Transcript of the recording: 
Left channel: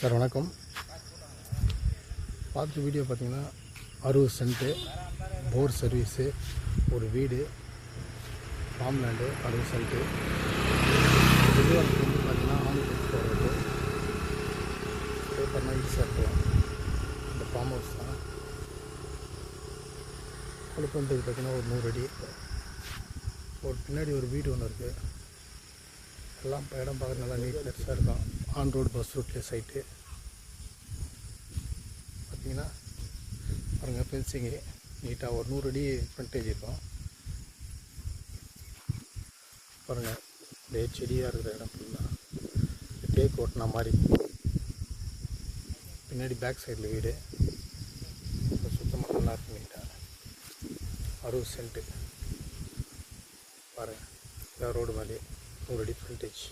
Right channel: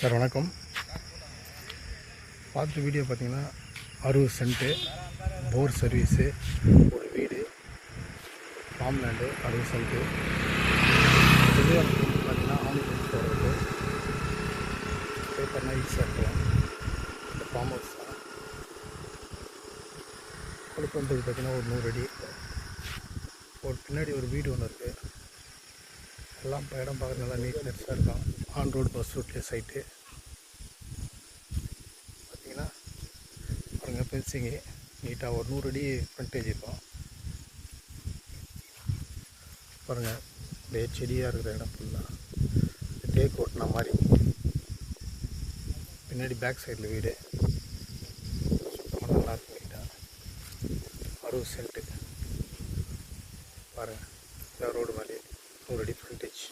Sir வணக்கம். பார்த்துட்டு video பார்த்தீங்கன்னா 60 சென்ட்டு போர் சர்வீஸு, ஒரு வீடு, ஃபார்ம் லேண்டு 60 சென்ட்டு. வெளிவாரத்துக்கு வந்து பார்த்தீங்கன்னா ஆம்புலன்ஸ் போகிறது பேப்பர்னால் ஈஸியாக இருக்கலாம். இந்த ஃபார்ம் ஹவுஸ் தான் கொடுப்பது பார்த்தீங்கன்னா ஒரு 100 அடி. ஒரு பின்னாடி ஒரு வீடு ஒன்று இருக்குது. எல்லாம் இப்போ இடம் பார்க்குறது நல்லா நீட்னஸாக இருக்கும். ஆன் ரோடு பஸ் ரூட்லேயே சைட்டு பார்த்தீங்கன்னா பாருங்கள். ஃபென்சிங்கு நீட்டாக ஒரு 100 அடி ஃப்ரண்டேஜ் இருக்கும். பாருங்கள், அப்படியே செடியாக இருக்கிற இடம் ஃபுல்லாக தேக்கு ஓட்டின மாதிரி. பின்னாடி பேக் சைடில் வீடு சுத்தமாக நல்லாயிருக்கு. நீட்டாக 60 சென்ட்டு பாருங்கள். ரோடு மேலே 100 அடி ஃப்ரண்டேஜ்.